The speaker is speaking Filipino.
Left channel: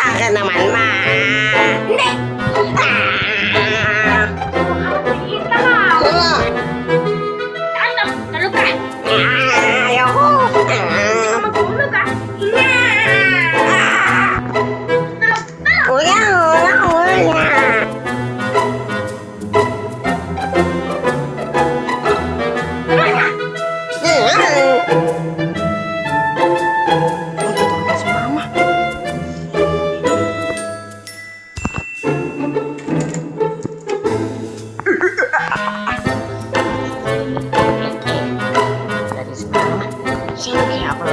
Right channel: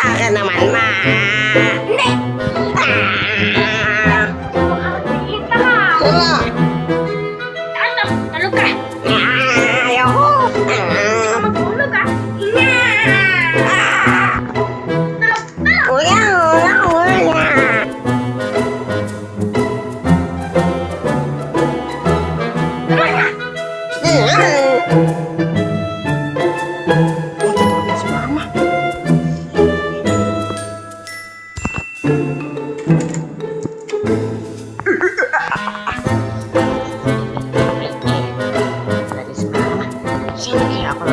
Baka naman, Ma. Hindi! Ah! Makatingin ka ka! Hala! Talog ka! Ayoko! Matulog ka! Nga! Talog! Uya, uya, uya! Talog ka! Tutulog na si Mama. Dari si Mama. Siyempre ako